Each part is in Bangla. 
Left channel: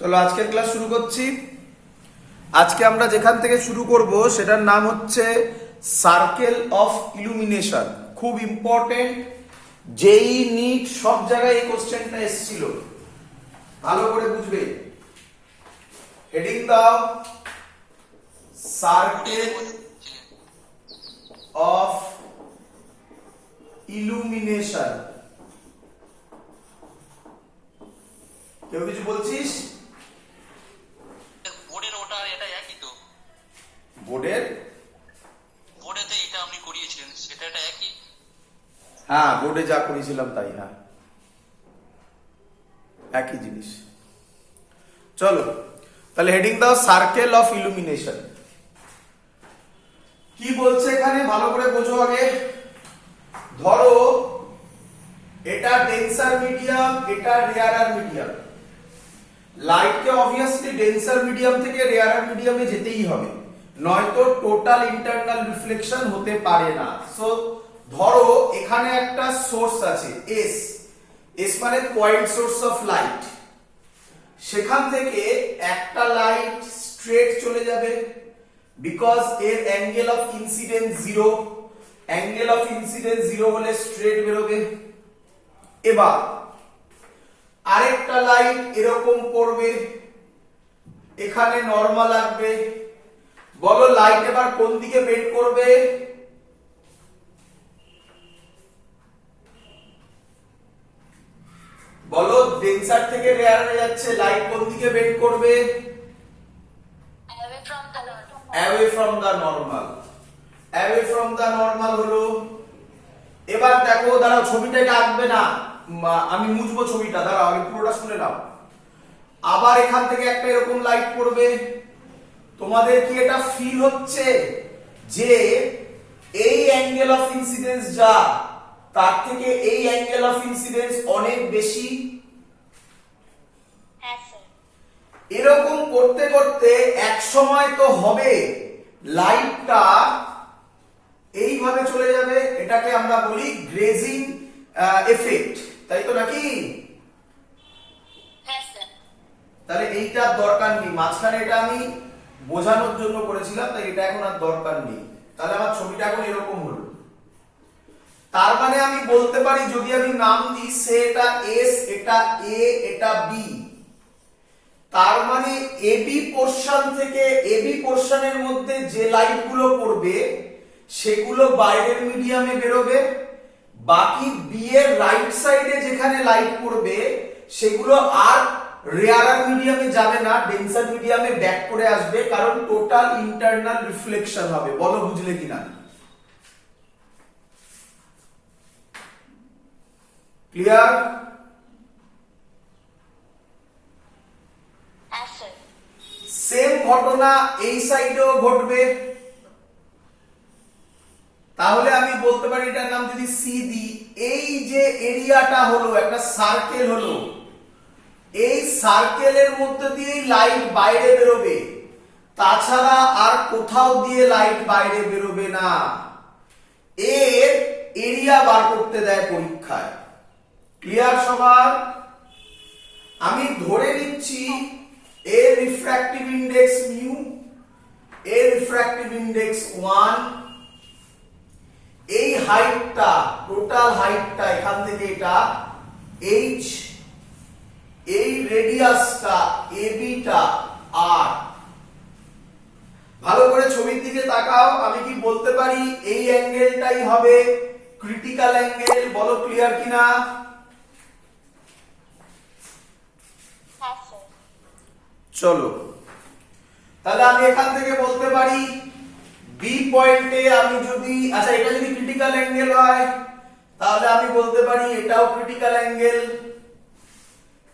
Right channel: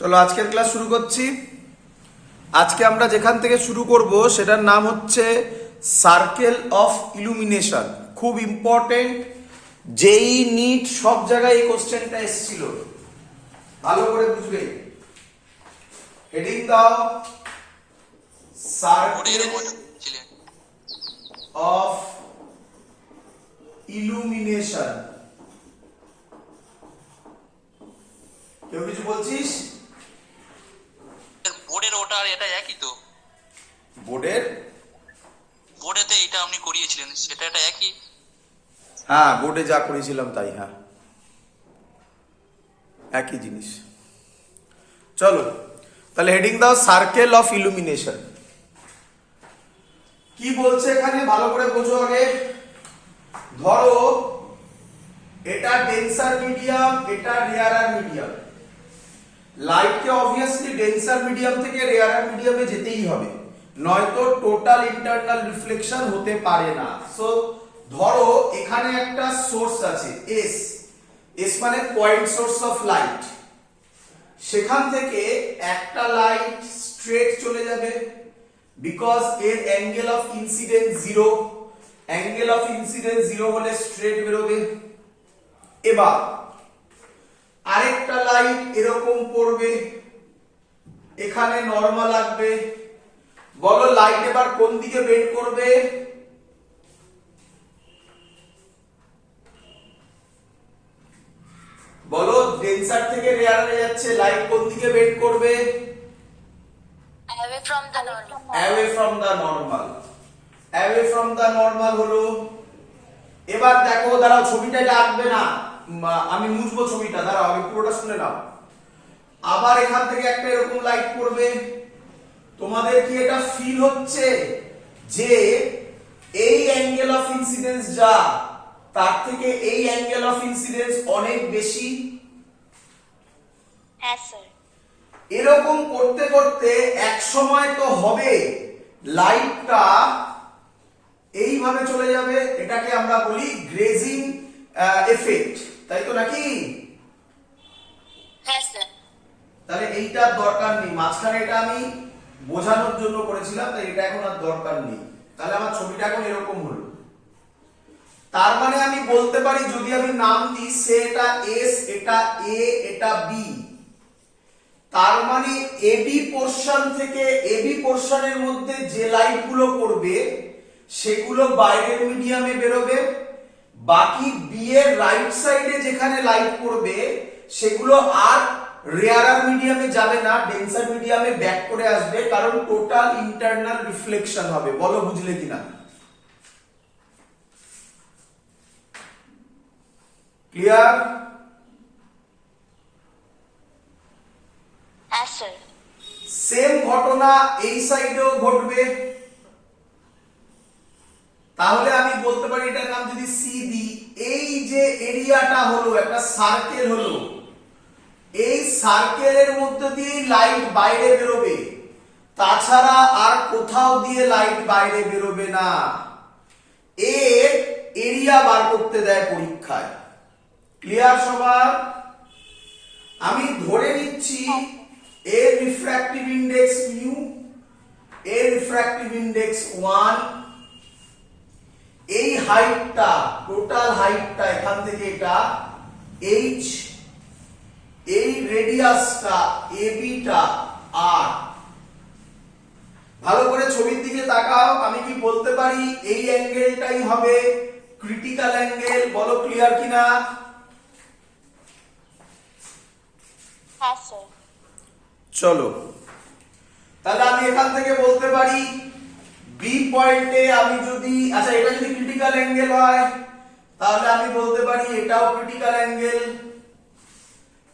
চলো আজকের ক্লাস শুরু করছি। আজকে আমরা যেখান থেকে শুরু করব সেটার নাম হচ্ছে সার্কেল অফ ইলুমিনেশন। খুব ইম্পর্টেন্ট, যেই নিট সব জায়গায় এই কোশ্চেনটা এসেছিল, ভালো করে বুঝবে। হেডিং দাও সার্কেল অফ ইলুমিনেশন। কেউ কিছু বলছিস? বোর্ডের ওটা আর এটা একই তো? বোর্ডেতে এটা আপনি করিয়েছিলেন সেটা এটা একই? হ্যাঁ, বোর্ডে যা করেছিলাম তাই। হ্যাঁ, একই জিনিস। চলো তাহলে হেডিং দাও সার্কেল অফ ইলুমিনেশন। কি বলছে এখানে ভালো করে বোঝো আগে। ধরো এটা ডেন্সার মিডিয়াম, এটা রেয়ারার মিডিয়াম। লাইটকে অবভিয়াসলি ডেন্সার মিডিয়াম থেকে রেয়ারার মিডিয়ামে যেতেই হবে, নয়তো টোটাল ইন্টারনাল রিফ্লেকশন হতে পারে না। সো ধরো এখানে একটা সোর্স আছে এস, এস মানে পয়েন্ট সোর্স অফ লাইট। সেখান থেকে একটা লাইট স্ট্রেট চলে যাবে, বিকজ এর angle of incidence zero. Angle of incidence zero হলে স্ট্রেট বেরোবে। এবার আরেকটা লাইট এরকম পড়বে, এখানে নরমাল আসবে। বলো লাইট এবার কোন দিকে বেন্ড করবে? বলো ডেন্সার থেকে রেয়ারে যাচ্ছে, লাইট কোন দিকে বেন্ড করবে? Away from the normal. Away from the normal. Away from the normal হলো। এবার দেখো, দাঁড়াও ছবিটাকে আঁকবে না, আমি মুছবো ছবিটা, দাঁড়াও আমি পুরোটা শুনে নাও। আবার এখান থেকে একটা এরকম লাইট পড়বে। তোমাদের কি এটা ফিল হচ্ছে যে এই অ্যাঙ্গেল অফ ইনসিডেন্স যা, তার থেকে এই অ্যাঙ্গেল অফ ইনসিডেন্স অনেক বেশি? Yes, sir. এরকম করতে করতে এক সময় তো হবে লাইটটা এইভাবে চলে যাবে। এটাকে আমরা বলি গ্রেজিং এফেক্ট, তাই তো নাকি? Yes, sir. তাহলে এইটার দরকার নেই, মাঝখানে এটা আমি বোঝানোর জন্য করেছিলাম, তাই এটা এখন আর দরকার নেই। তাহলে আমার ছবিটা এখন এরকম হলো। তার মানে আমি বলতে পারি, যদি আমি নাম দিই সে এটা এস, এটা এ, এটা বি, তার মানে এবি পোরশন থেকে, এবি পোরশনের মধ্যে যে লাইট গুলো পড়বে সেগুলো বাইরের মিডিয়ামে বেরোবে। বাকি বি এর রাইট সাইডে যেখানে লাইট পড়বে সেগুলো আর রেয়ারার মিডিয়ামে যাবে না, ডেন্সার মিডিয়ামে ব্যাক করে আসবে, কারণ টোটাল ইন্টারনাল রিফ্লেকশন হবে। বলো বুঝলে কিনা? ক্লিয়ার? Yes, sir. সেম ঘটনা এই সাইডেও ঘটবে। তাহলে আমি বলতে পারি এটার নাম যদি সি দিই, এই যে এরিয়াটা হলো একটা সার্কেল হলো, এই সার্কেলের মধ্যে দিয়ে লাইট বাইরে বেরোবে, তাছাড়া আর কোথাও দিয়ে লাইট বাইরে বেরোবে না। এর এরিয়া বার করতে দেয় পরীক্ষায়। ক্লিয়ার সবার? আমি ধরে নিচ্ছি এর রিফ্র্যাক্টিভ ইনডেক্স মিউ, এর রিফ্র্যাক্টিভ ইনডেক্স 1, এই হাইটটা, টোটাল হাইটটা এখান থেকে এটা h, এই রেডিয়াসটা এবি টা আর। ভালো করে ছবির দিকে তাকাও। আমি কি বলতে পারি এই অ্যাঙ্গেলটাই হবে ক্রিটিক্যাল অ্যাঙ্গেল? বলো ক্লিয়ার কিনা? Yes, sir. চলো তাহলে আমি এখান থেকে বলতে পারি বি পয়েন্টে আমি যদি, আচ্ছা এটা যদি ক্রিটিক্যাল অ্যাঙ্গেল হয় তাহলে আমি বলতে পারি এটাও ক্রিটিক্যাল অ্যাঙ্গেল।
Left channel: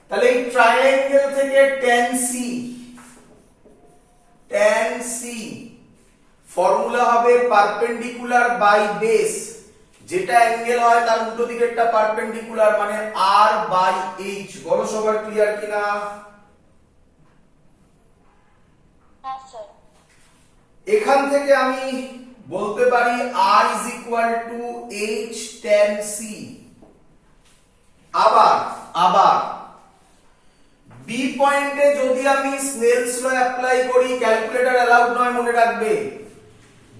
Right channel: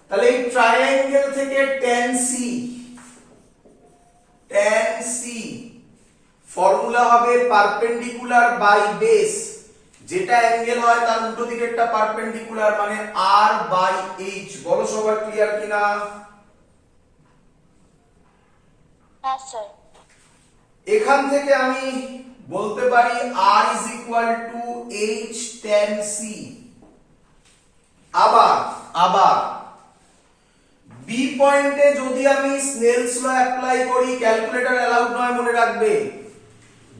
তাহলে এই ট্রায়াঙ্গেল থেকে tan c ফর্মুলা হবে পারপেন্ডিকুলার বাই বেস। যেটা অ্যাঙ্গেল হয় তার উল্টো দিকেরটা পারপেন্ডিকুলার, মানে r বাই h। বলো সবার ক্লিয়ার কিনা? Yes, sir. এখান থেকে আমি বলতে পারি r is equal to h tan c। আবার বি পয়েন্টে যদি আমি স্নেলস ল অ্যাপ্লাই করি, ক্যালকুলেটর অ্যালাউড নয় মনে রাখবে।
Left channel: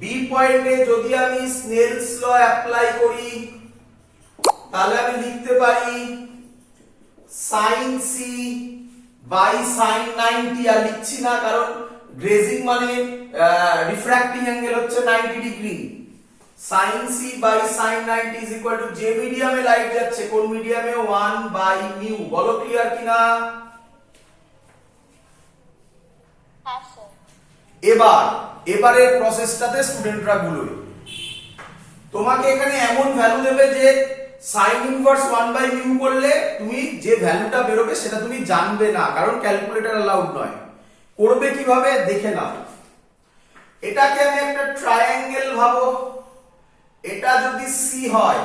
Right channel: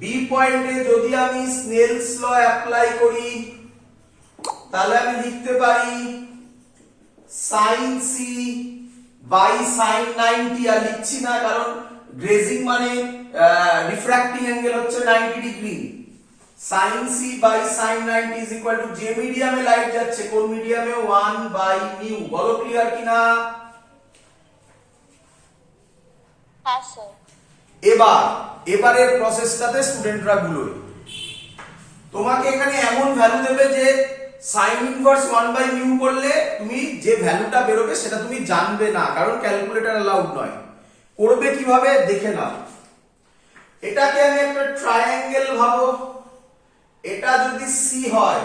বি পয়েন্টে যদি আমি স্নেলস ল অ্যাপ্লাই করি তাহলে আমি লিখতে পারি sin c বাই sin 90। আর লিখছি না কারণ গ্রেজিং মানে রিফ্র্যাক্টিং অ্যাঙ্গেল হচ্ছে 90 degree. sin c by sin 90 is equal to, যে মিডিয়ামে লাইট যাচ্ছে কোন মিডিয়ামে, 1 বাই মিউ। বলো ক্লিয়ার কিনা? হ্যাঁ স্যার। এবারের প্রসেসটাতে স্টুডেন্টরা গুলোয় তোমাকে এখানে এমন ভ্যালু দেবে যে sin ইনভার্স 1 বাই মিউ করলে তুমি যে ভ্যালুটা বেরোবে সেটা তুমি জানবে না, কারণ ক্যালকুলেটর অ্যালাউড নয়। করবে কিভাবে দেখে নাও। এটাকে আমি একটা ট্রায়াঙ্গেল ভাবো, এটা যদি সি হয়,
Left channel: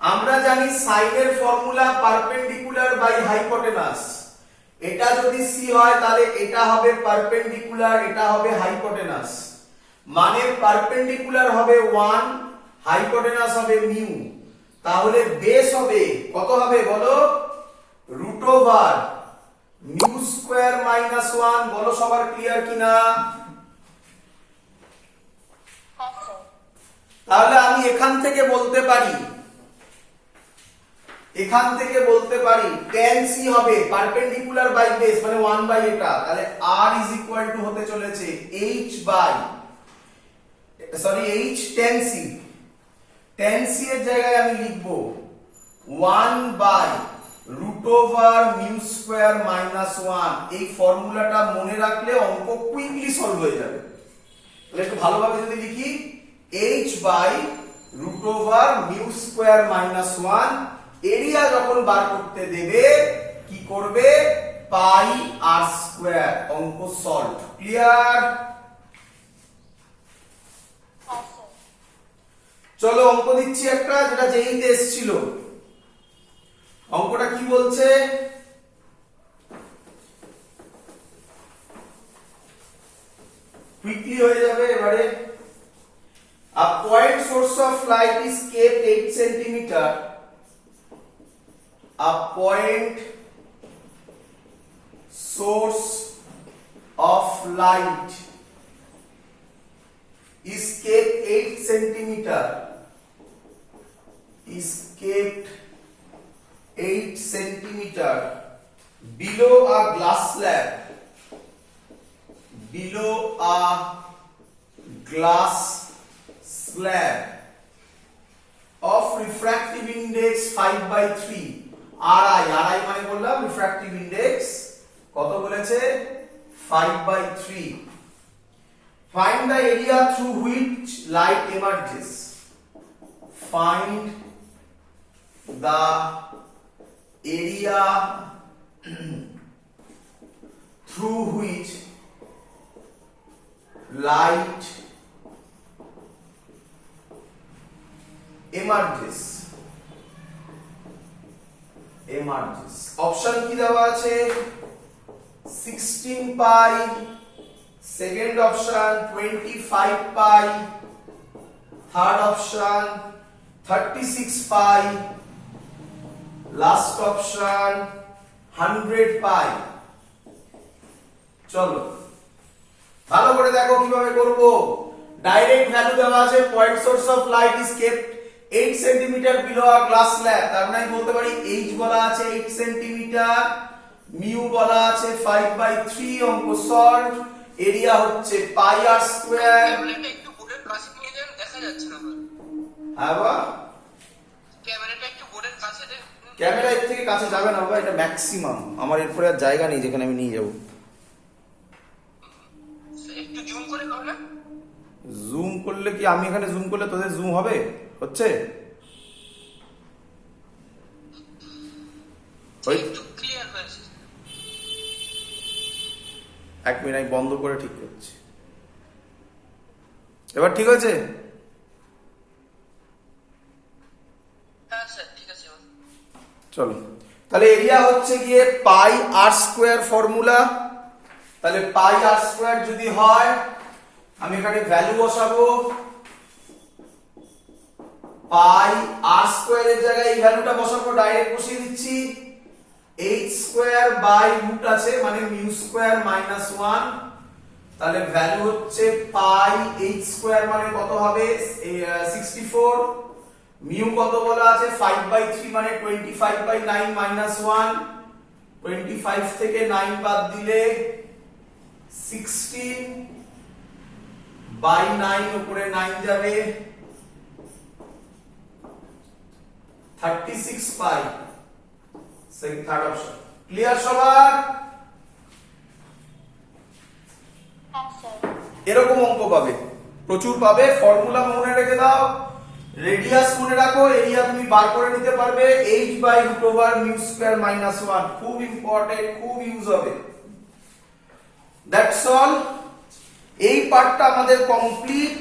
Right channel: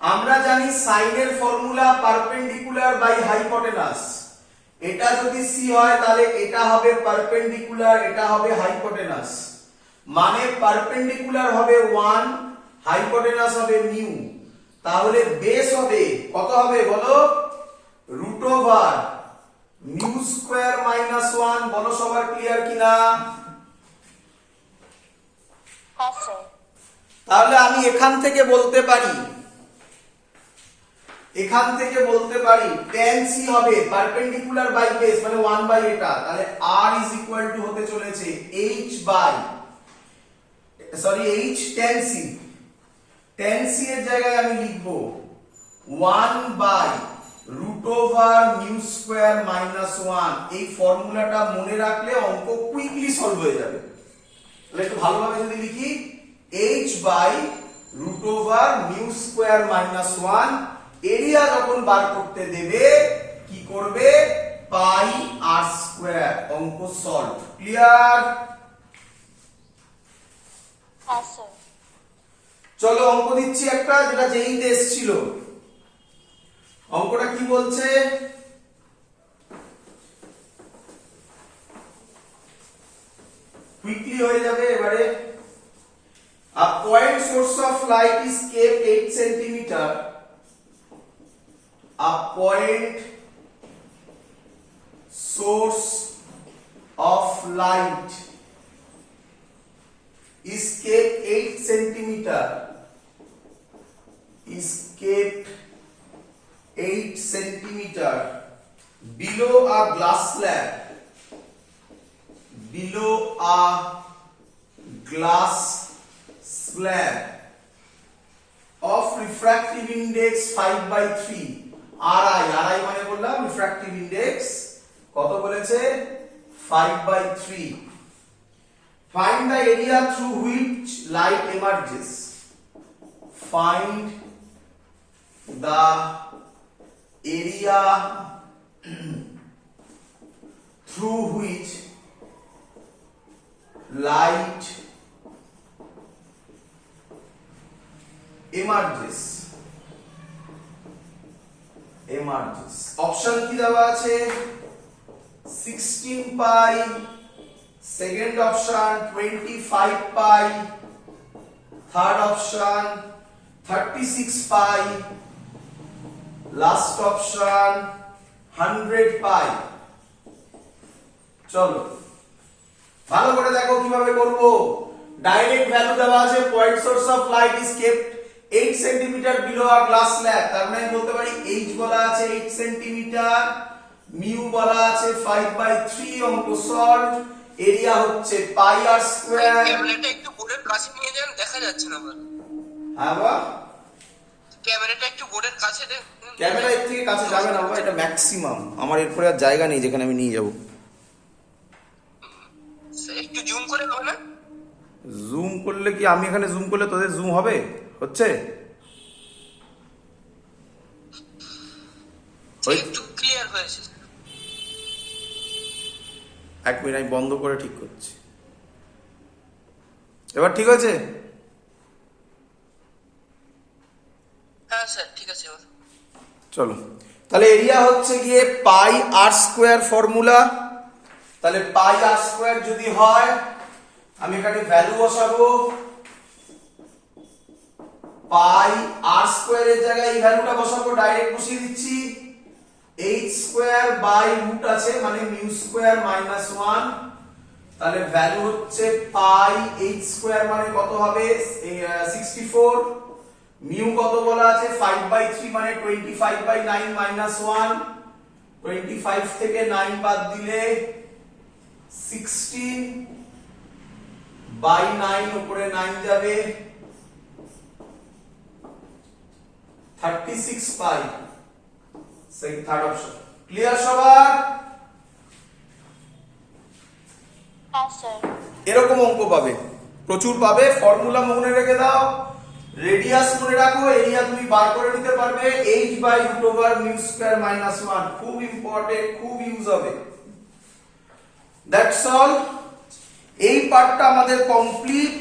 আমরা জানি সাইনের ফর্মুলা পারপেন্ডিকুলার বাই হাইপোটেনাস। এটা যদি সি হয় তাহলে এটা হবে পারপেন্ডিকুলার, এটা হবে হাইপোটেনাস। মানে পারপেন্ডিকুলার হবে 1, হাইপোটেনাস হবে মিউ। তাহলে বেস হবে কত হবে বলো? Root over mu square minus 1। বলো সবার ক্লিয়ার কিনা? হ্যাঁ স্যার। তাহলে আমি এখান থেকে বলতে পারি tan c হবে পারপেন্ডিকুলার বাই বেস মানে 1 বাই এটা। তাহলে r ইজ ইকুয়াল টু হতে চলেছে h tan c। tan c এর জায়গায় আমি লিখব 1 by root over mu square minus 1। এই ফর্মুলাটা মনে রাখলে অঙ্ক কুইকলি সলভ হয়ে যাবে। তাহলে একটু ভালোভাবে যদি লিখি, h by root over mu square minus 1। Area যখন বার করতে দেবে কি করবে? Pi r square. অঙ্ক সলভ। ক্লিয়ার? হ্যাঁ স্যার। চলো অঙ্ক দিচ্ছি একটা, যেটা যেইতে এসেছিল। অঙ্কটা কি বলছে? কুইকলি হয়ে যাবে এবারে। A point source of light is kept 8 centimeter. A point source of light is kept 8 centimeter. Is kept 8 centimeter below a glass slab. Below a glass slab of refractive index 5/3. RI মানে বললাম refractive index কত বলেছে? 5/3. Find the area through which light emerges. Find the area through which light emerges. Option কি দেওয়া আছে? 16 পাই, সেকেন্ড অপশন 25 পাই, থার্ড অপশন 36 পাই, লাস্ট অপশন 100 পাই। চলো ভালো করে দেখো কিভাবে করব। ডাইরেক্ট ভ্যালু দেওয়া আছে, point source of light is kept 8 centimetre below a glass slab. তার মানে বলতে পারি h বলা আছে 8 সেন্টিমিটার, মিউ বলা আছে 5/3। অঙ্ক সলভ। এরিয়া হচ্ছে পাই আর স্কয়ার। ক্যামেরাটা একটু বোর্ডের কাছে নিয়ে যান, দেখা যাচ্ছে না ভালো। হ্যাঁ বাবা, ক্যামেরাটা একটু বোর্ডের কাছে দেন। ক্যামেরা এর থেকে কাছে যাবে না বাবা, এটা ম্যাক্সিমাম। আমার এরপরে আর জায়গা নেই যেখানে আমি নিয়ে যাব। একটু জুম করে হবে না? জুম করলে কি, আমি এখানে জুম করলে তোদের জুম হবে? হচ্ছে একটু ক্লিয়ার হয়েছে। এক মিনিট আমি বন্ধ করে ঠিক করছি। এবার ঠিক হয়েছে? হ্যাঁ স্যার ঠিক আছে। চলো তাহলে এরিয়া হচ্ছে গিয়ে পাই আর স্কয়ার ফর্মুলা। তাহলে পাই আর স্কয়ার যদি হয়, আমি এখানে ভ্যালু বসাবো। পাই আর স্কয়ার এর জায়গায় এই ভ্যালুটা বসাবো, ডাইরেক্ট বসিয়ে দিচ্ছি। h স্কয়ার বাই রুট আছে মানে মিউ স্কয়ার মাইনাস 1, তাহলে ভ্যালু হচ্ছে পাই h স্কয়ার মানে কত হবে 64, মিউ কত বলা আছে 5/3 মানে 25/9 মাইনাস 1, 25 থেকে 9 বাদ দিলে 16 বাই 9 উপরে 9 যাবে 36 পাই, সেকেন্ড থার্ড অপশন। ক্লিয়ার সবার? হ্যাঁ স্যার। এরকম অঙ্ক পাবে, প্রচুর পাবে। ফর্মুলা মনে রেখে দাও, রেডিয়াস মনে রাখো, এরিয়া তুমি বার করে নিতে পারবে h by root over mu square minus 1, খুব ইম্পর্টেন্ট, খুব ইউজ হবে। দ্যাটস অল, এই পার্টটা আমাদের কমপ্লিট।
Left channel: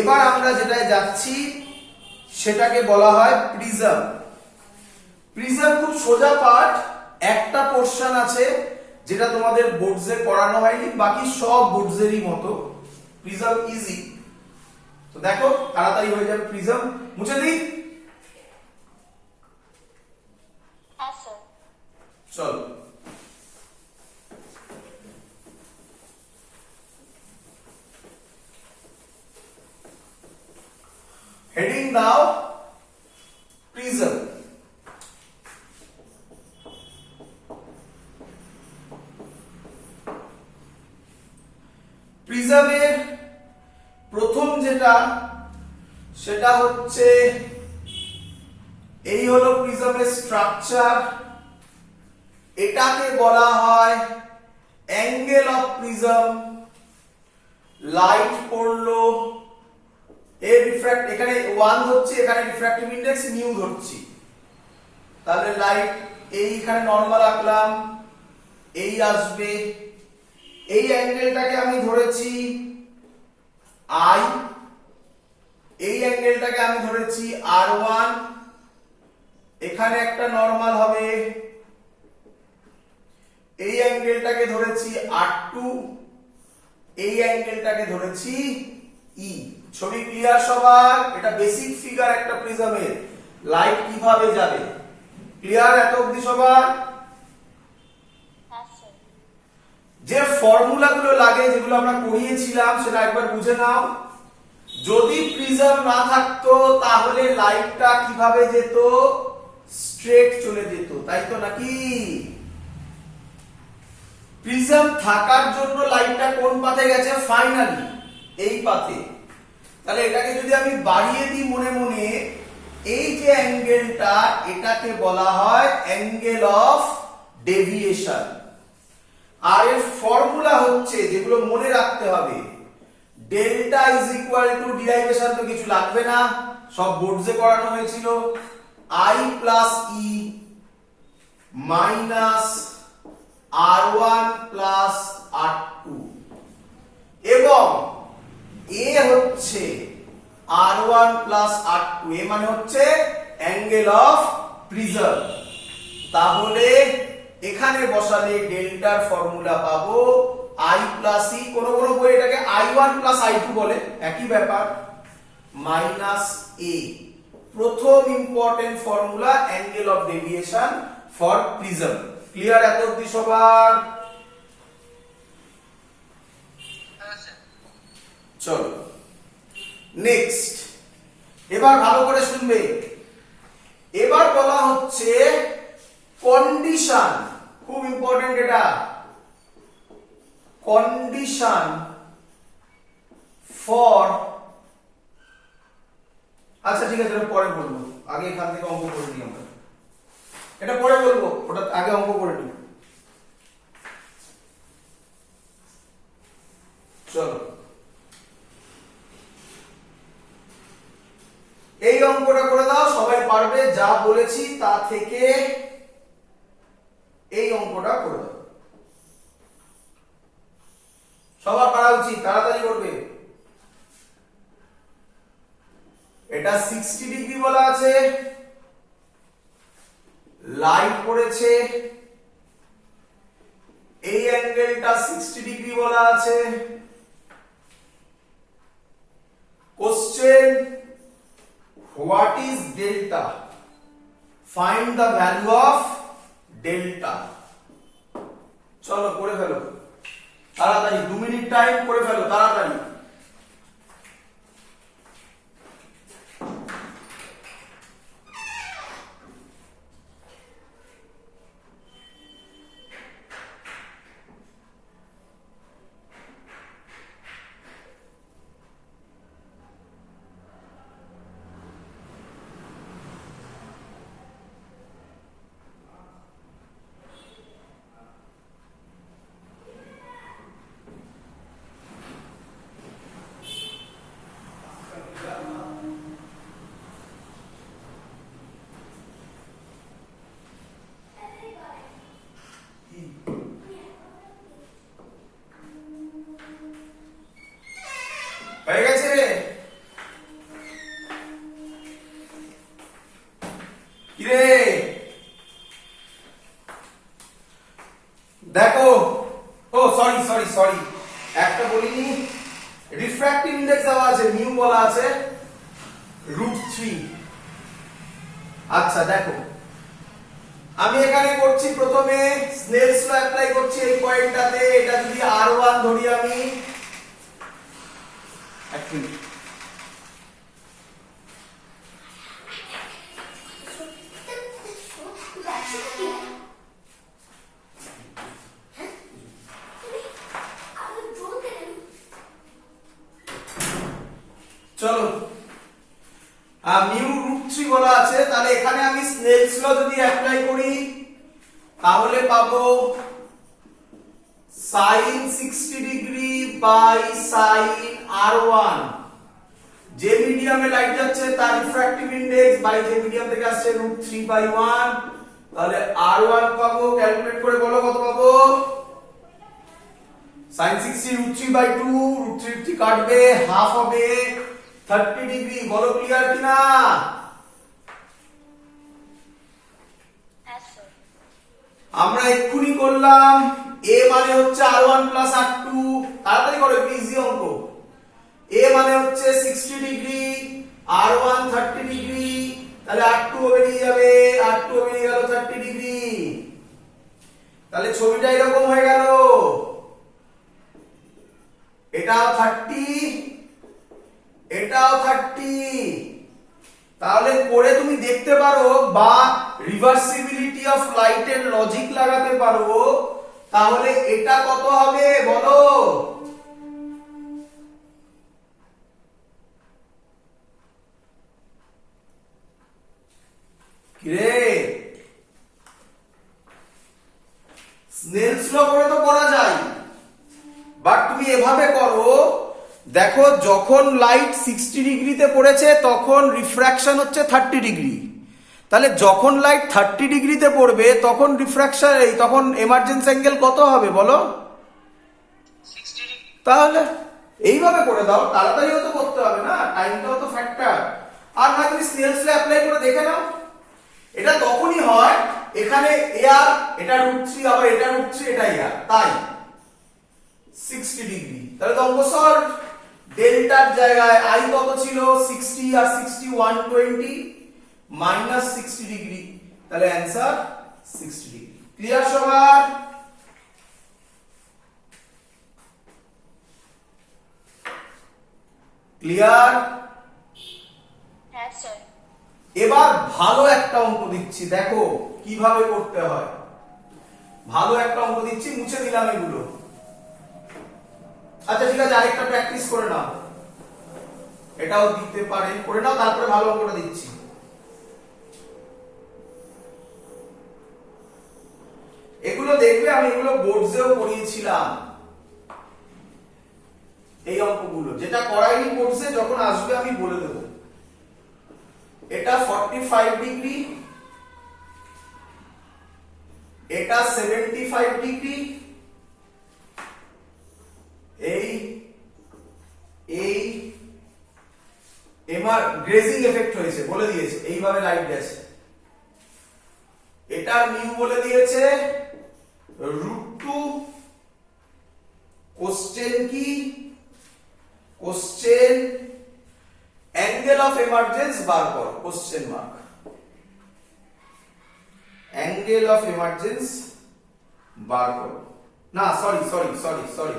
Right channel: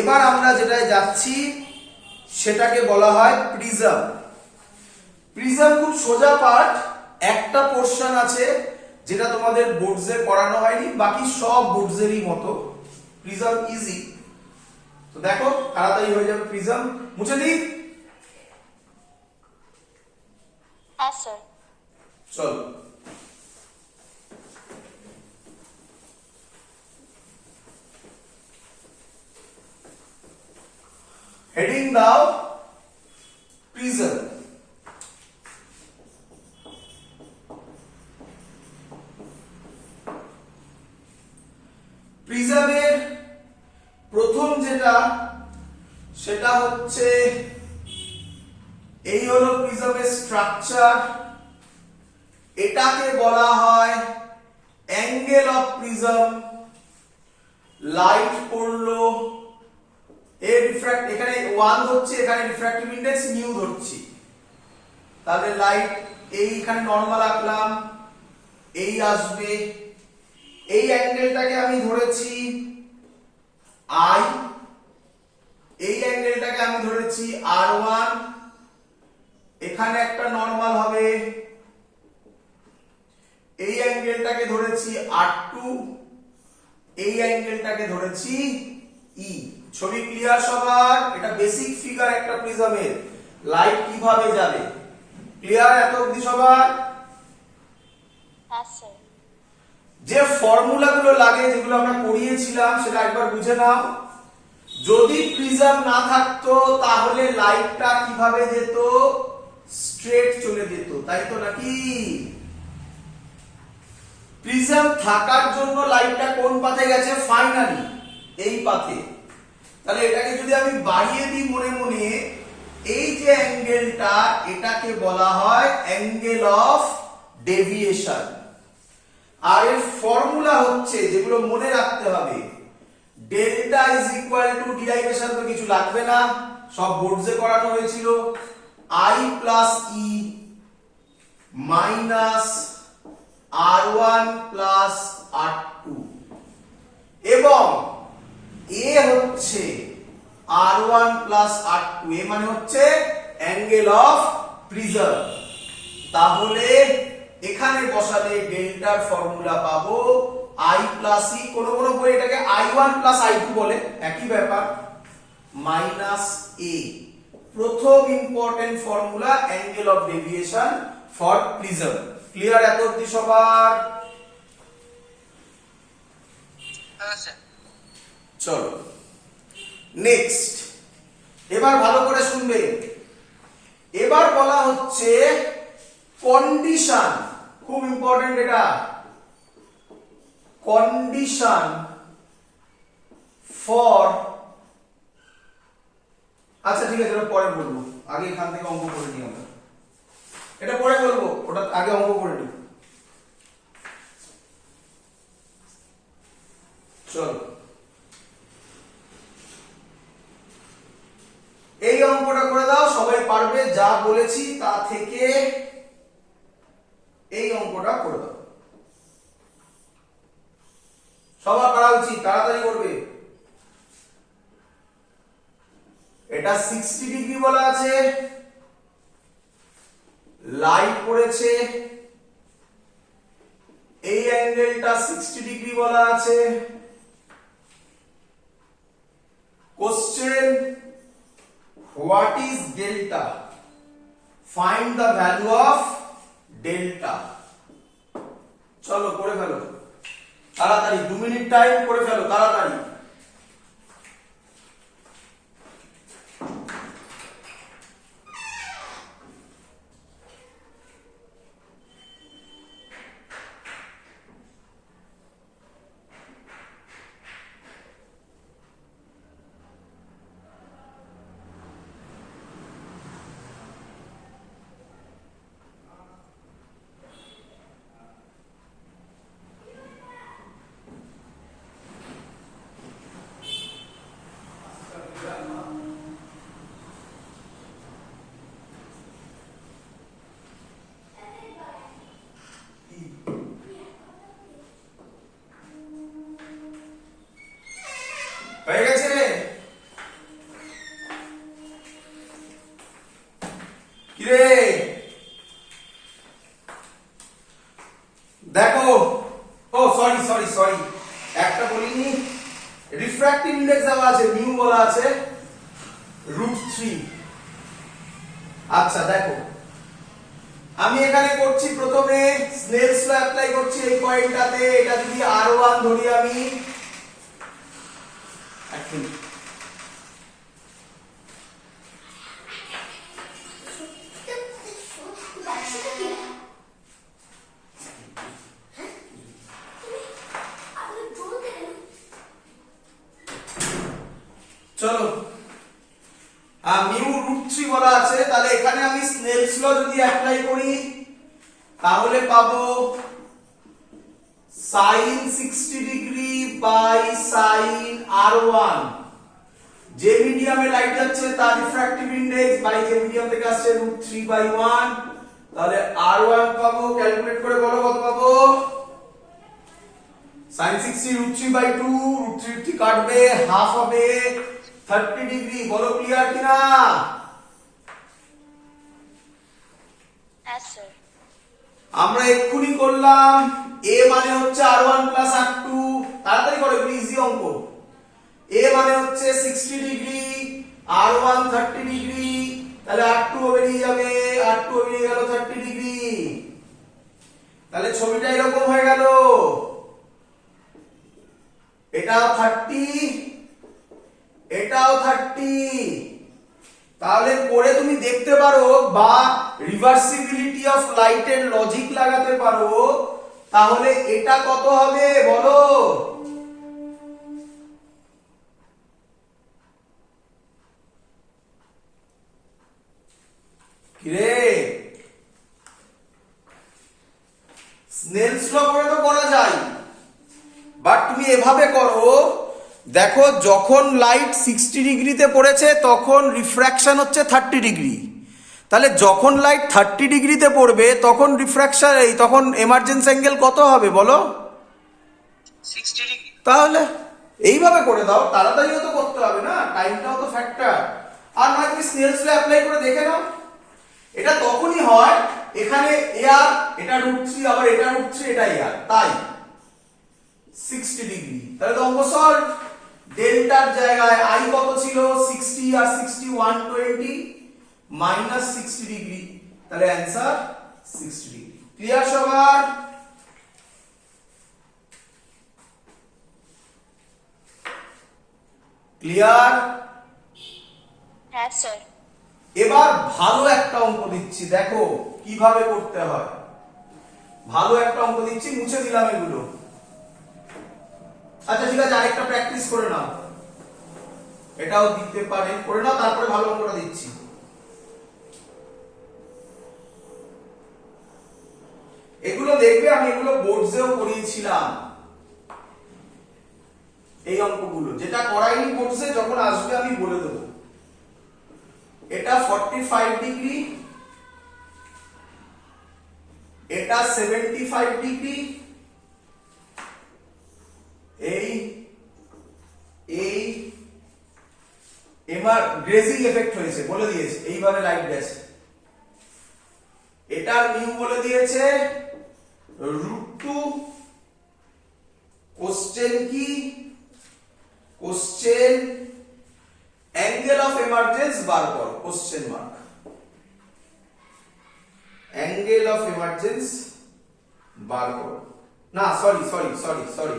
এবার আমরা যেটায় যাচ্ছি সেটাকে বলা হয় প্রিজম। প্রিজম খুব সোজা পার্ট, একটা পোরশন আছে যেটা তোমাদের বোর্ডসে পড়ানো হয়নি, বাকি সব বোর্ডসেরই মতো। প্রিজম ইজি, তো দেখো তাড়াতাড়ি হয়ে যাবে প্রিজম। মুছে দিই, হ্যাঁ স্যার। চল। হেডিং দাও প্রিজম। প্রিজমের প্রথম যেটা সেটা হচ্ছে এই হলো প্রিজমের স্ট্রাকচার, এটাকে বলা হয় অ্যাঙ্গেল অফ প্রিজম। লাইট পড়লো, এর রিফ্র্যাক্ট এখানে 1 ধরছি, এখানে রিফ্র্যাক্টিভ ইনডেক্স নিউ ধরছি, তাহলে লাইট এইখানে নরমাল আঁকলাম, এই আসবে, এই অ্যাঙ্গেলটাকে আমি ধরেছি আই, এই অ্যাঙ্গেলটাকে আমি ধরেছি R1, এখানে একটা নরমাল হবে, এই অ্যাঙ্গেলটাকে ধরেছি R2, এই অ্যাঙ্গেলটাকে ধরেছি ই। ছবি ক্লিয়ার সবার? এটা বেসিক ফিগার একটা প্রিজমের, লাইট কিভাবে যাবে। ক্লিয়ার এত অবধি সবার? হ্যাঁ স্যার। যে ফর্মুলাগুলো লাগে যেগুলো আমরা করিয়েছিলাম সেটা একবার বুঝে নাও। যদি প্রিজম না থাকতো তাহলে লাইটটা কিভাবে যেত? স্ট্রেট চলে যেত, তাই তো নাকি? প্রিজম থাকার জন্য লাইটটা কোন পাথে গেছে? ফাইনালি এই পাথে। তাহলে এটাকে যদি আমি বাড়িয়ে দিই মনে মনে, এই যে অ্যাঙ্গেলটা এটাকে বলা হয় অ্যাঙ্গেল অফ ডেভিয়েশন। আর এর ফর্মুলা হচ্ছে, যেগুলো মনে রাখতে হবে, delta is equal two, derivation তো কিছু লাগবে না, সব বোর্ডসে করানো হয়েছিল, I plus E minus R1 plus R2, এবং এ হচ্ছে R1 প্লাস R2, এ মানে হচ্ছে অ্যাঙ্গেল অফ প্রিজম। তাহলে এখানে বসালে ডেল্টার ফর্মুলা পাবো I প্লাস ই, কোন কোন বই এটাকে I1 প্লাস I2 বলে, একই ব্যাপার, মাইনাস এ। প্রথম important formula angle of deviation for prism. Clear এত অবধি সবার? হ্যাঁ স্যার। চলো নেক্সট, এবার ভালো করে শুনবে। এবার বলা হচ্ছে কন্ডিশন, খুব ইম্পর্টেন্ট এটা, কন্ডিশন ফর, আচ্ছা ঠিক আছে এটা পরে বলবো, আগে এখান থেকে অঙ্ক করে নিই আমরা, এটা পরে বলবো, ওটা আগে অঙ্ক করে নিই। চলো এই অঙ্কটা করে দাও, সবাই পারবে, যা বলেছি তা থেকে এই অঙ্কটা করে দাও, সবার পারা উচিত, তাড়াতাড়ি করবে। এটা 60 ডিগ্রি বলা আছে, লাইট পড়েছে, এই অ্যাঙ্গেলটা 60 ডিগ্রি বলা আছে। Question, what is delta? Find the value of delta. চলো করে ফেলো তাড়াতাড়ি, 2 মিনিট টাইম, করে ফেলো তাড়াতাড়ি। হয়ে গেছে? কিরে দেখো, ও সরি সরি সরি, একটা বলিনি, রিফ্র্যাক্টিভ ইনডেক্স দেওয়া আছে, মিউ বলা আছে √3। আচ্ছা দেখো, আমি এখানে করছি প্রথমে স্নেলস ল অ্যাপ্লাই করছি এই পয়েন্টটাতে। এটা যদি r1 ধরি আমি, চলো মিউ √3 বলা আছে, তাহলে এখানে আমি স্নেলস ল যদি অ্যাপ্লাই করি তাহলে পাবো sin 60 degree by sin r1। যে মিডিয়ামে লাইট যাচ্ছে তার রিফ্র্যাক্টিভ ইনডেক্স বাই যে মিডিয়াম থেকে আসছে √3/1, তাহলে r1 পাবো, ক্যালকুলেট করে বলো কত পাবো। sin 60 √3/2, √3 কাটবে, হাফ হবে 30 ডিগ্রি। বলো ক্লিয়ার কিনা? Yes, sir. আমরা এক্ষুনি করলাম, a মানে হচ্ছে r1 r2, তাড়াতাড়ি করো, ইজি অঙ্ক। a মানে হচ্ছে 60 ডিগ্রি, r1 30 ডিগ্রি, তাহলে r2 বেরিয়ে যাবে, r2 বেরিয়ে গেল 30 ডিগ্রি। তাহলে ছবিটা এরকম হয়ে গেল, এটাও 30, এটাও 30। তাহলে করে তুমি দেখতে পারো বা রিভার্সিবিলিটি অফ লাইটের লজিক লাগাতে পারো, তাহলে এটা কত হবে বলো। কিরে, স্নেলস ল করে তো করা যায়, বাট তুমি এভাবে করো, দেখো যখন লাইট 60 ডিগ্রিতে পড়েছে তখন রিফ্র্যাকশন হচ্ছে 30 ডিগ্রি, তাহলে যখন লাইট 30 ডিগ্রিতে পড়বে তখন রিফ্র্যাকশন তখন এমার্জেন্স অ্যাঙ্গেল কত হবে বলো। 60 ডিগ্রি। তাহলে এইভাবে করে দাও, তাড়াতাড়িও তো করতে হবে না, টাইমটাও তো ফ্যাক্টর। আর না তুমি স্নেলস ল অ্যাপ্লাই করে দেখে নাও, এটা তখনই হয় এখানে এআর, এটা √3, আবার এটা √3, এটা এআর, তাই 60 ডিগ্রি। তাহলে তো অঙ্ক সলভ। ডেল্টার জায়গায় আই কত ছিল 60, আর 60 120 মাইনাস 60 ডিগ্রি, তাহলে অ্যান্সার 60 ডিগ্রি। ক্লিয়ার সবার? ক্লিয়ার? Yes, sir. এবার ভালো একটা অঙ্ক দিচ্ছি, দেখো কিভাবে করতে হয়। ভালো একটা অঙ্ক দিচ্ছি, মুছে দিলাম এগুলো। আচ্ছা ঠিক আছে, আরেকটা প্র্যাকটিস করে নাও, এটাও দিতে পারে, করে নাও, তারপরে ভালো অঙ্কটা দিচ্ছি। এগুলো দেখবে, আমি এগুলো বোর্ডসেও করিয়েছিলাম, এই অঙ্কগুলো। যেটা করাইনি বোর্ডসে, যখন আসবে আমি বলে দেবো। এটা 45 ডিগ্রি, এটা 75 ডিগ্রি, এই এবার গ্রেজিং এফেক্ট হয়েছে, বলে দিয়েছে এইভাবে লাইট গেছে। এটা মিউ বলে দিয়েছে √2। কোশ্চেন কি? কোশ্চেন অ্যাঙ্গেল অফ এমার্জেন্স বার কর, question mark. Angle angle of emergence বার করো। না sorry sorry sorry sorry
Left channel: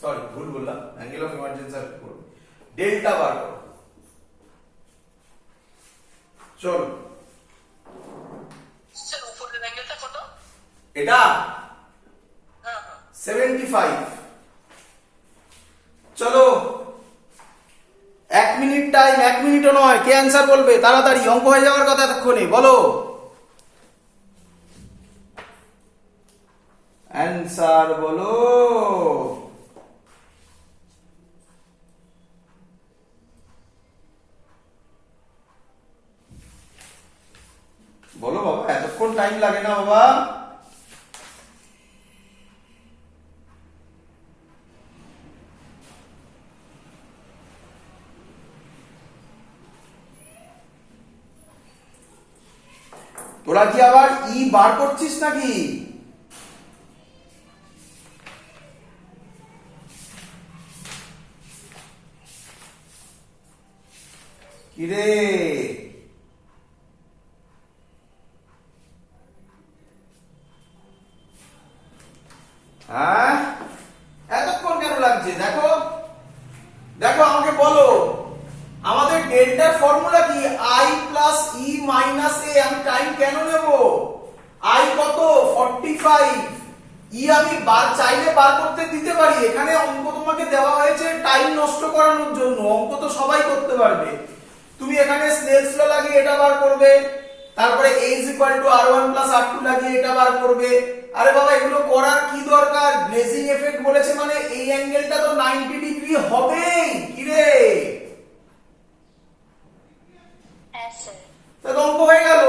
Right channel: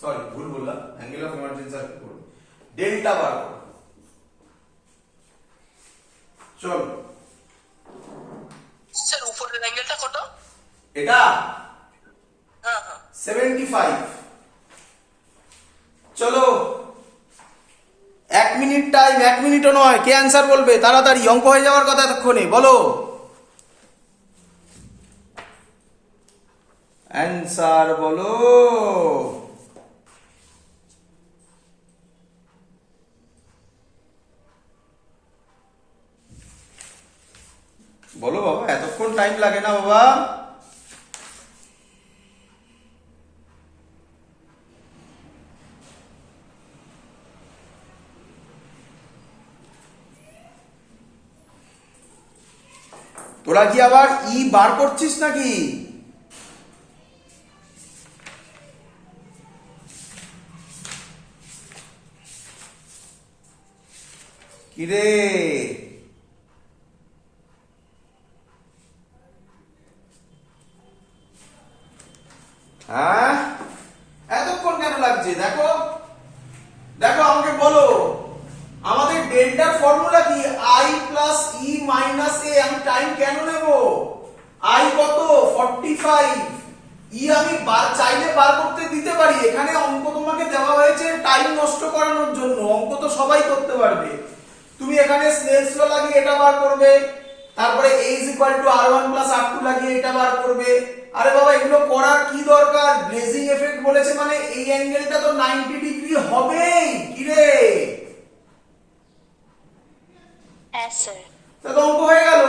sorry ভুল বললাম, অ্যাঙ্গেল অফ এমার্জেন্সি আর করো, ডেল্টা বার করো। চলো স্যার উপরের অ্যাঙ্গেলটা কত? এটা হ্যাঁ হ্যাঁ 75। চলো 1 মিনিট টাইম, 1 মিনিটও নয়, কে অ্যান্সার বলবে তাড়াতাড়ি, অঙ্ক হয়ে যাওয়ার কথা এতক্ষণে, বলো অ্যান্সার বলো। বলো বাবা, এতক্ষণ টাইম লাগে না বাবা। তোরা কি আবার ই বার করছিস নাকি? কিরে হ্যাঁ, এতক্ষণ কেন লাগছে? দেখো দেখো আমাকে বলো, আমাদের ডেল্টার ফর্মুলা কি? আই প্লাস ই মাইনাস এ। আমি টাইম কেন নেব? আই কত? 45। ই আমি চাইলে বার করতে দিতে পারি। এখানে অঙ্ক তোমাকে দেওয়া হয়েছে টাইম নষ্ট করানোর জন্য, অঙ্ক তো সবাই করতে পারবে। তুমি এখানে স্নেলস ল লাগিয়ে এটা বার করবে, তারপরে a r1 r2 লাগিয়ে এটা বার করবে। আরে বাবা, এগুলো করার কি দরকার? গ্লেজিং এফেক্ট বলেছে মানে এই অ্যাঙ্গেলটা তো 90 ডিগ্রি হবেই। কি রে, হ্যাঁ স্যার। তা তো অঙ্ক হয়ে গেল।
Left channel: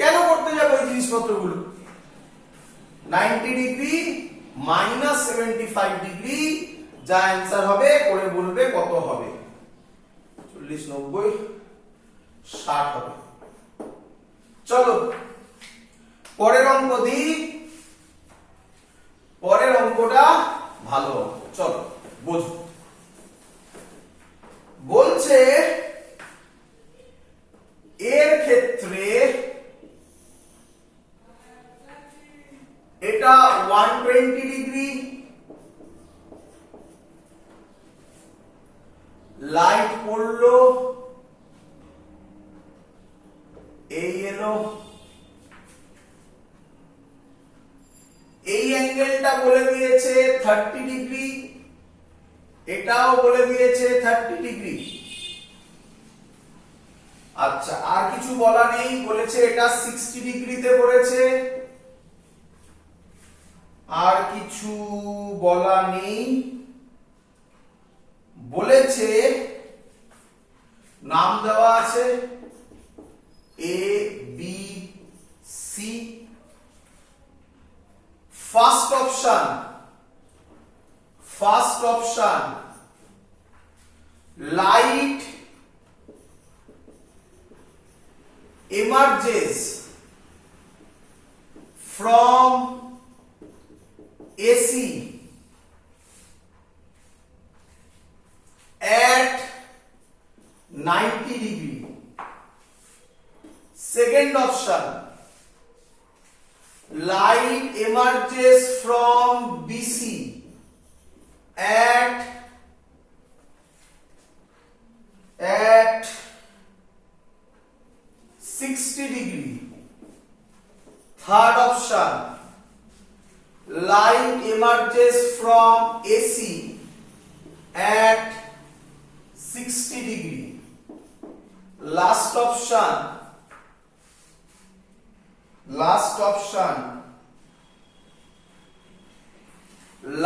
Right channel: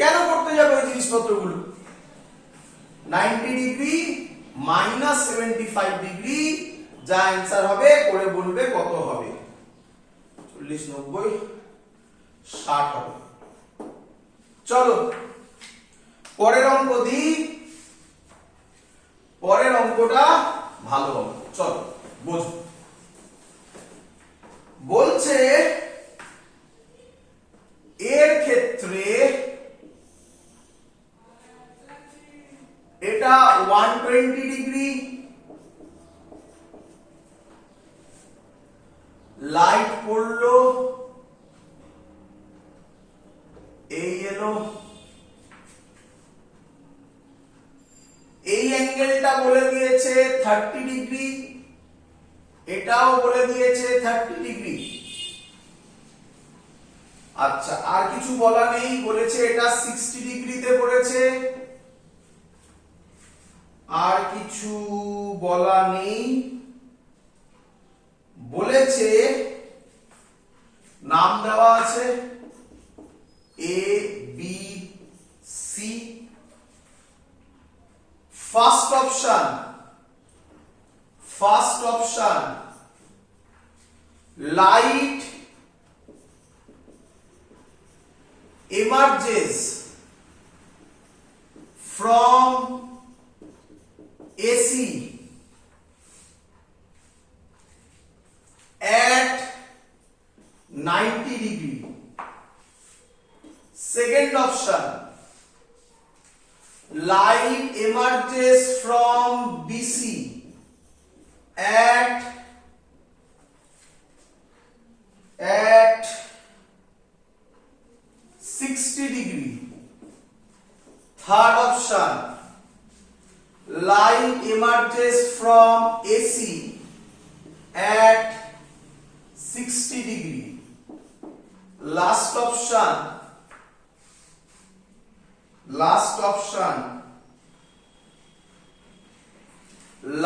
কেন করতে যাবো এই জিনিসপত্রগুলো? 90 ডিগ্রি মাইনাস 75 ডিগ্রি, যা অ্যান্সার হবে করে বলবে কত হবে। 40 90 60 হবে। চলো পরের অঙ্ক দিই। পরের অঙ্কটা ভালো অঙ্ক, চলো বোঝো। বলছে এর ক্ষেত্রে এটা 120 ডিগ্রি, লাইট পড়লো, এই এলো, এই অ্যাঙ্গেলটা বলে দিয়েছে 30 ডিগ্রি, এটাও বলে দিয়েছে 30 ডিগ্রি। আচ্ছা, আর কিছু বলা নেই, বলেছে এটা 60 ডিগ্রিতে পড়েছে। আর কিছু বলা নেই, বলেছে নাম দেওয়া আছে A B C. First option light emerges from AC at 90 degree. Second option, light emerges from BC at 60 degree. Third option, light emerges from AC at 60 degree. Last option,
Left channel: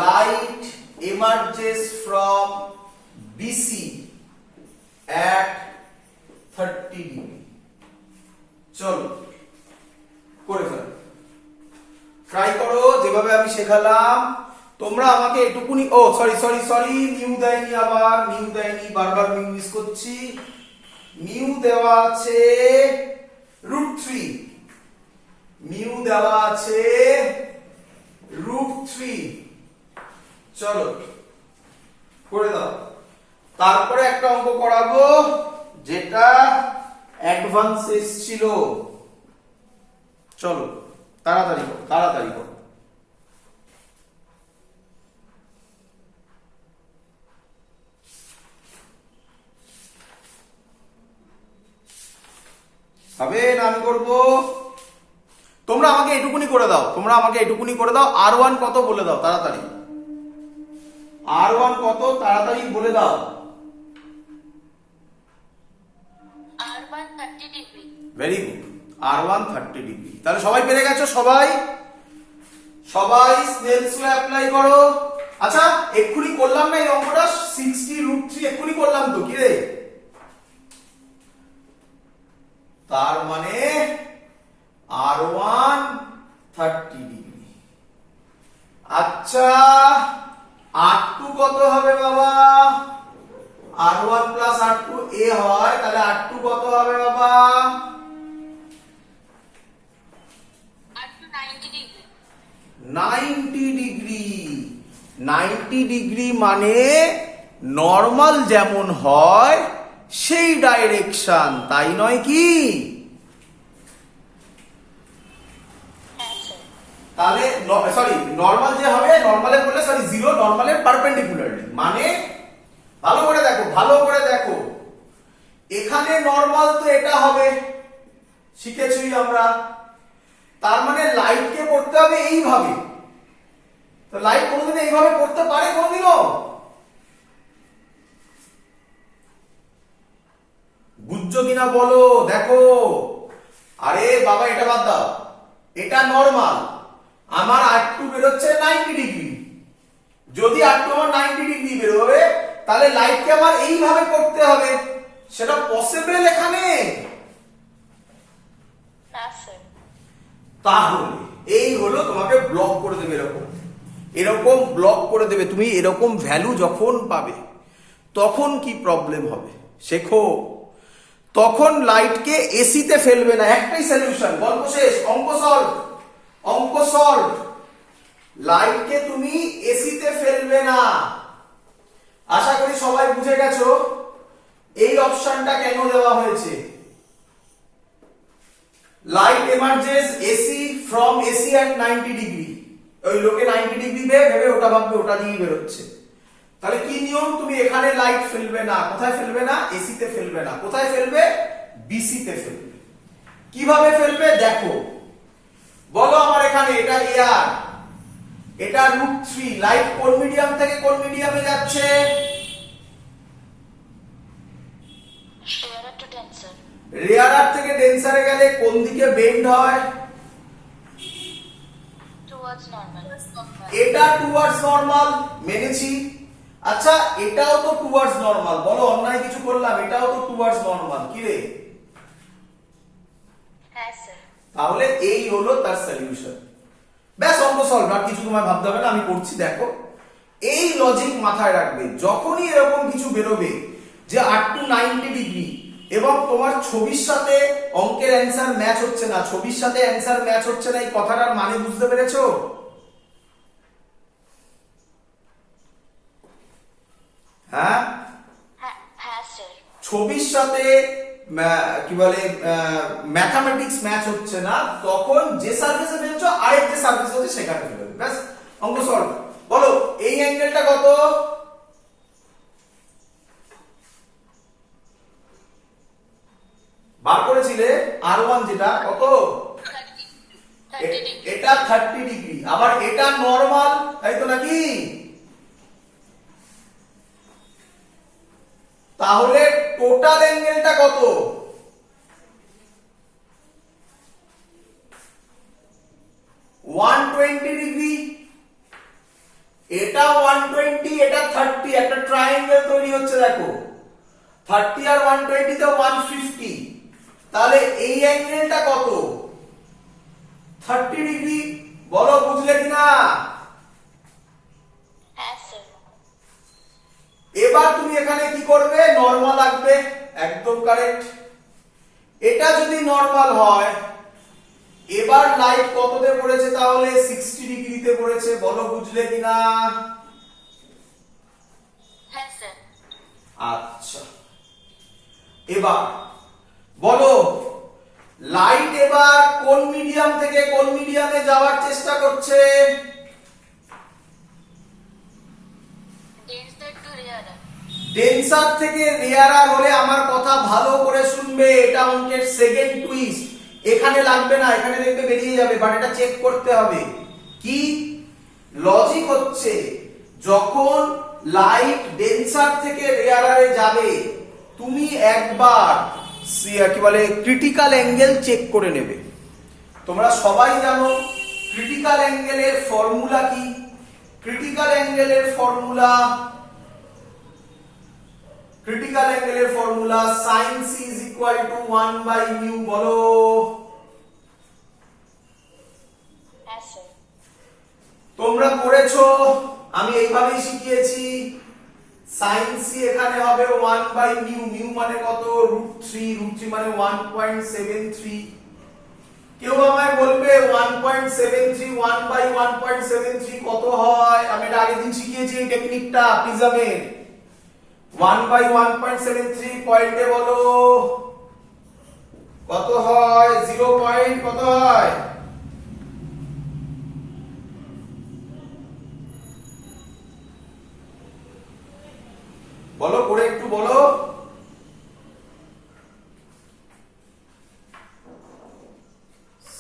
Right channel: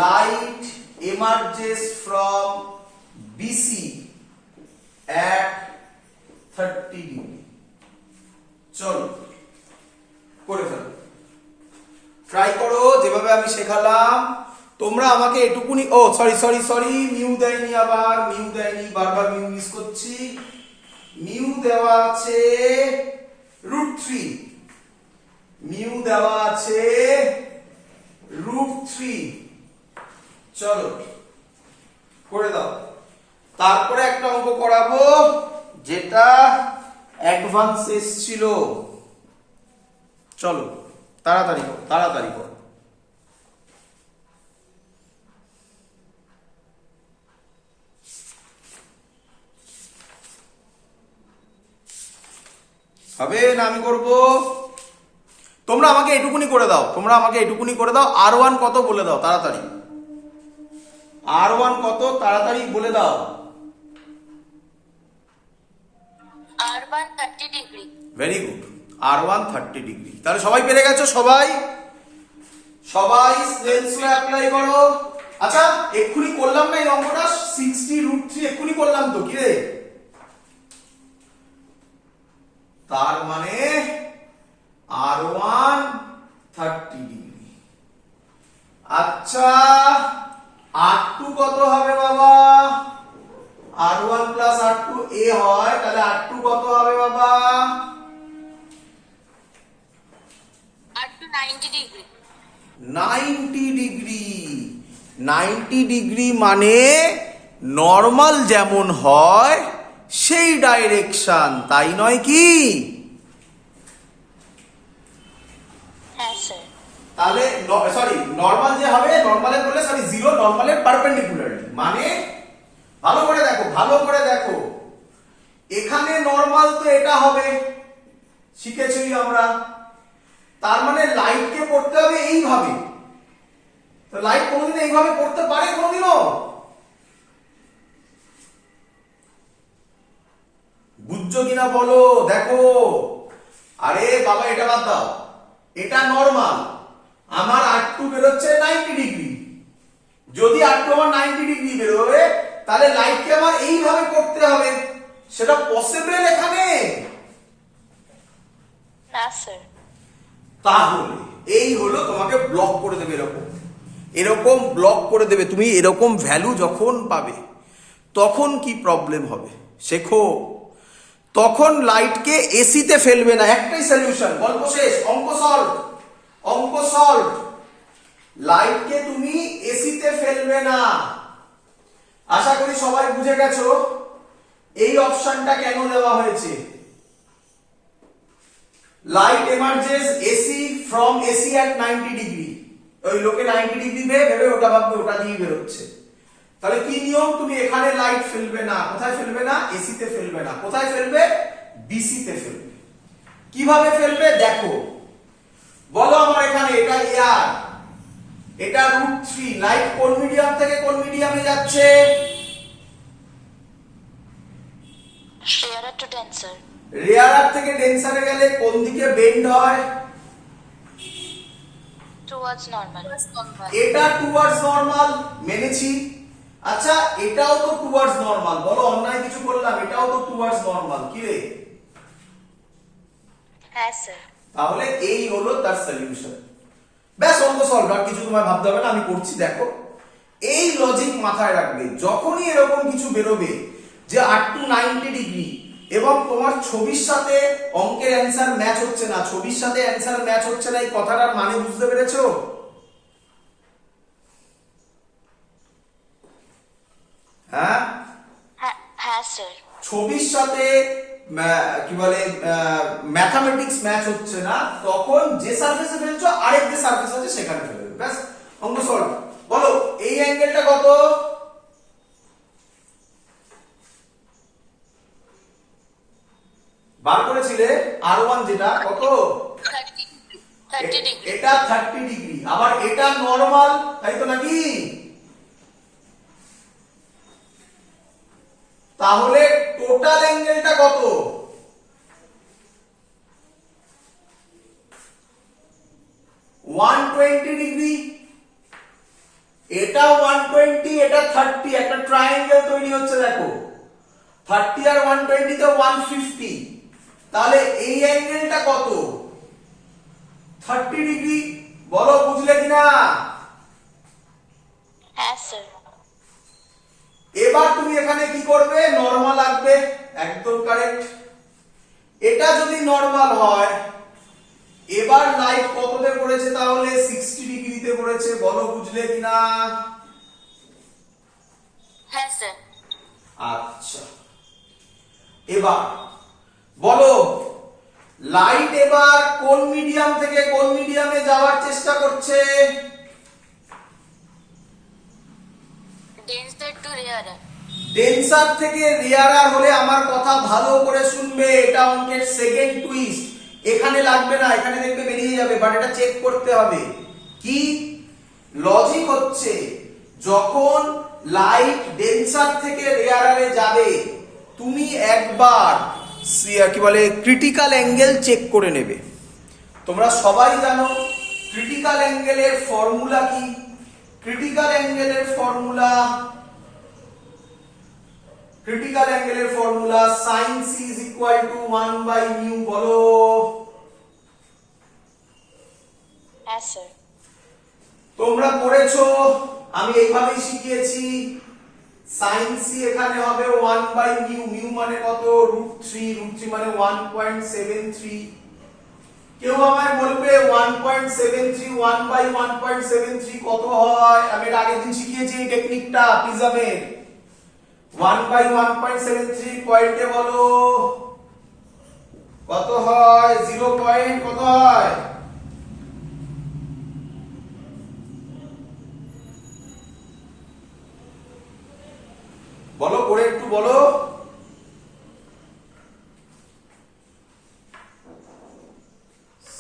light emerges from BC at 30 degree. চলো করে ফেলো, ট্রাই করো যেভাবে আমি শেখালাম। তোমরা আমাকে এটুকুনি, ও সরি সরি সরি, মিউ দেয়নি, আবার মিউ দেয়নি, বারবার মিউ মিস করছি। মিউ দেওয়া আছে √3, মিউ দেওয়া আছে √3। চলো করে দাও। তারপরে একটা অঙ্ক করাবো যেটা অ্যাডভান্স এসছিল। চলো তাড়াতাড়ি করো, তাড়াতাড়ি করো। হবে না আমি করব? তোমরা আমাকে এটুকুনি করে দাও, তোমরা আমাকে এটুকুনি করে দাও। R1 কত বলে দাও তাড়াতাড়ি। R1 কত তাড়াতাড়ি বলে দাও। R1 30 degree. Very good, R1 30 degree. তাহলে সবাই পেরে গেছো? সবাই সবাই স্নেলস ল অ্যাপ্লাই করো। আচ্ছা এক্ষুনি করলাম না এই অঙ্কটা, 60√3 এক্ষুনি করলাম তো, কি রে? তার মানে R1 30 ডিগ্রি। আচ্ছা R2 কত হবে বাবা? R1 প্লাস R2 এ হয়, তাহলে R2 কত হবে বাবা? R2 90 degree. 90 ডিগ্রি। 90 ডিগ্রি মানে নর্মাল যেমন হয় সেই ডাইরেকশন, তাই নয় কি? হ্যাঁ স্যার। তাহলে সরি নর্মাল যে হবে, নর্মালে বললে সরি জিরো, নর্মালের পারপেন্ডিকুলারলি মানে ভালো করে দেখো, ভালো করে দেখো, এখানে নর্মাল তো এটা হবে, শিখেছি আমরা। তার মানে লাইটকে পড়তে হবে এইভাবে। তো লাইট কোনোদিন এইভাবে পড়তে পারে কোনোদিনও? বুঝছো কিনা বলো? দেখো, আরে বাবা এটা বাদ দাও, এটা নর্মাল, আমার R2 বেরোচ্ছে 90 ডিগ্রি। যদি R2 আমার 90 ডিগ্রি বেরোবে তাহলে লাইটকে আমার এইভাবে করতে হবে, সেটা পসিবল এখানে? না স্যার। তাহলে এই হলো, তোমাকে ব্লক করে দেবে, এরকম এরকম ব্লক করে দেবে। তুমি এরকম ভ্যালু যখন পাবে তখন কি প্রবলেম হবে শেখো। তখন লাইটকে এসিতে ফেলবে না, একটাই সলিউশন, গল্প শেষ, অঙ্ক সলভ, অঙ্ক সলভ। লাইটকে তুমি এসিতে ফেলবে না। আশা করি সবাই বুঝে গেছো এই অপশনটা কেন দেওয়া হয়েছে। Light emerges AC from AC at 90 degree. ওই লোকে 90 ডিগ্রি ভেবে ওটা ভাববে ওটা দিয়ে বেরোচ্ছে। তাহলে কি নিয়ম? তুমি এখানে লাইট ফেলবে না। কোথায় ফেলবে না? এসিতে ফেলবে না। কোথায় ফেলবে? বিসিতে ফেলবে। কিভাবে ফেলবে দেখো, বলো আমার এখানে এটা এয়ার, এটা √3, লাইট কোন মিডিয়াম থেকে কোন মিডিয়ামে যাচ্ছে? Rarer to denser. রেয়ারার থেকে ডেন্সারে গেলে কোন দিকে বেন্ড হয়? Towards normal. এটা টুয়ার্ডস নরমাল, মেনেছি। আচ্ছা এটাও তো টুয়ার্ডস নরমাল, বলো অন্যায় কিছু করলাম? এটাও তো টুয়ার্ডস নরমাল, কি রে? হ্যাঁ স্যার। তাহলে এই হলো তার সলিউশন। ব্যাস অঙ্ক সলভ, আর কিছু তোমায় ভাবতে হবে না, আমি করছি দেখো। এই লজিক মাথায় রাখবে, যখনই এরকম কিছু বেরোবে যে R2 90 ডিগ্রি এবং তোমার ছবির সাথে অঙ্কের অ্যান্সার ম্যাচ হচ্ছে না, ছবির সাথে অ্যান্সার ম্যাচ হচ্ছে না, এই কথাটার মানে বুঝতে পেরেছো? হ্যাঁ হ্যাঁ স্যার। ছবির সাথে কি বলে ম্যাথামেটিক্স ম্যাচ হচ্ছে না, তখন যে সারফেসে ফেলছো আরেক যে সারফেস আছে সেখানে ফেলবে। ব্যাস অঙ্ক সলভ। বলো এই অ্যাঙ্গেলটা কত? বার করেছিলে R1 যেটা কত? 30 degree. এটা 30 ডিগ্রি, আবার এটা নরমাল, তাই তো নাকি? তাহলে টোটাল অ্যাঙ্গেলটা কত? 120 ডিগ্রি। এটা 120, এটা 30, একটা ট্রায়াঙ্গেল তৈরি হচ্ছে দেখো। 30 আর 120 তে 150, তাহলে এই অ্যাঙ্গেলটা কত? 30 ডিগ্রি। বলো বুঝলে কিনা? হ্যাঁ স্যার। এবার তুমি এখানে কি করবে? নরমাল আঁকবে, একদম কারেক্ট। এটা যদি নরমাল হয়, এবার লাইট কততে পড়েছে? তাহলে 60 ডিগ্রিতে পড়েছে। বলো বুঝলে কিনা? হ্যাঁ স্যার। আচ্ছা এবার বলো লাইট এবার কোন মিডিয়াম থেকে কোন মিডিয়ামে যাওয়ার চেষ্টা করছে? ডেন্সার টু রেয়ারার। ডেন্সার থেকে রেয়ারার হলে আমার কথা ভালো করে শুনবে, এটা অঙ্কের সেকেন্ড টুইস্ট। এখানে লাগবে না, এখানে দেখবে বেরিয়ে যাবে, বাট এটা চেক করতে হবে। কি লজিক হচ্ছে, যখন লাইট ডেন্সার থেকে রেয়ারারে যাবে তুমি একবার কি বলে ক্রিটিক্যাল অ্যাঙ্গেল চেক করে নেবে। তোমরা সবাই জানো ক্রিটিক্যাল অ্যাঙ্গেলের ফর্মুলা কি? ক্রিটিক্যাল অ্যাঙ্গেলের formula sin c is equal to 1 by mu। বলো। হ্যাঁ স্যার। তোমরা পড়েছো, আমি এইভাবেই শিখিয়েছি। sin c এখানে হবে 1 by mu, mu মানে কত? √3, √3 মানে 1.73। কেউ আমায় বলবে 1.73 1 by 1.73 কত হয়? আমি এর আগের দিন শিখিয়েছি এই টেকনিকটা প্রিজমের। 1 by 1.73 পয়েন্টে বলো কত হয়? 0 পয়েন্ট কত হয়? বলো, করে একটু বলো।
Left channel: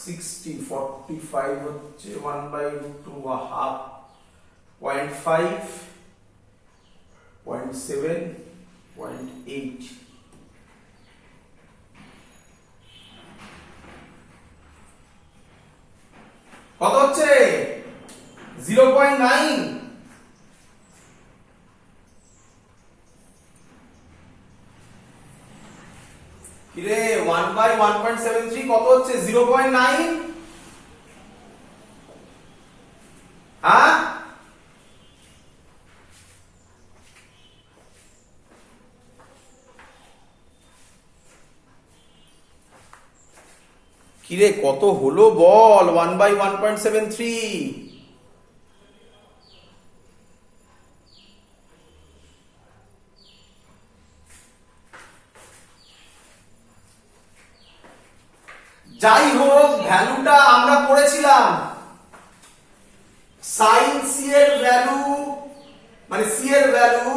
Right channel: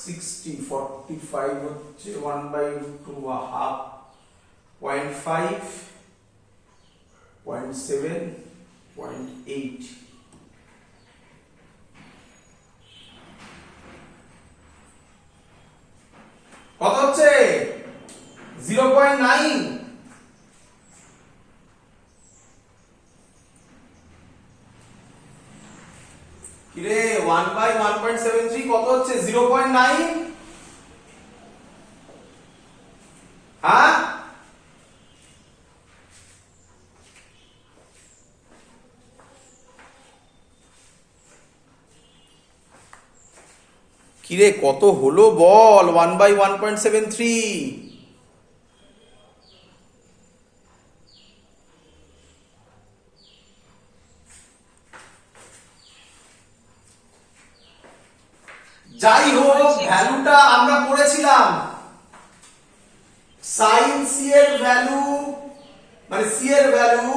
60 45 হচ্ছে 1 by √2 হাফ, 0.5 0.7 0.8। কত হচ্ছে? 0.9। কিরে 1 by 1.73 কত হচ্ছে? 0.9। হ্যাঁ, কিরে কত হলো বল? 1 by 1.73। যাই হোক, ভ্যালুটা আমরা পড়েছিলাম। sin c এর ভ্যালু মানে c এর ভ্যালু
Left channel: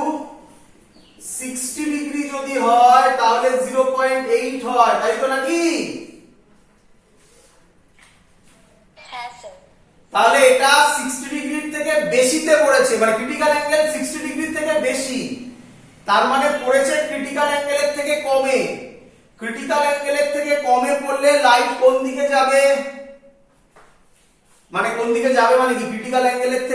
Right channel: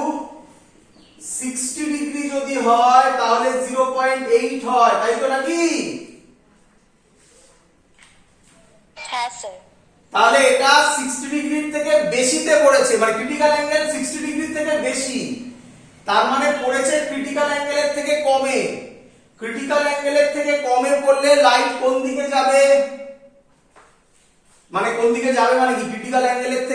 60 ডিগ্রি যদি হয় তাহলে 0.8 হয়, তাই তো নাকি? হ্যাঁ স্যার। তাহলে এটা 60 ডিগ্রির থেকে বেশিতে পড়েছে, মানে ক্রিটিক্যাল অ্যাঙ্গেল 60 ডিগ্রি থেকে বেশি, তার মানে পড়েছে ক্রিটিক্যাল অ্যাঙ্গেলের থেকে কমে। ক্রিটিক্যাল অ্যাঙ্গেলের থেকে কমে পড়লে লাইট কোন দিকে যাবে? মানে কোন দিকে যাবে মানে কি ক্রিটিক্যাল অ্যাঙ্গেলের থেকে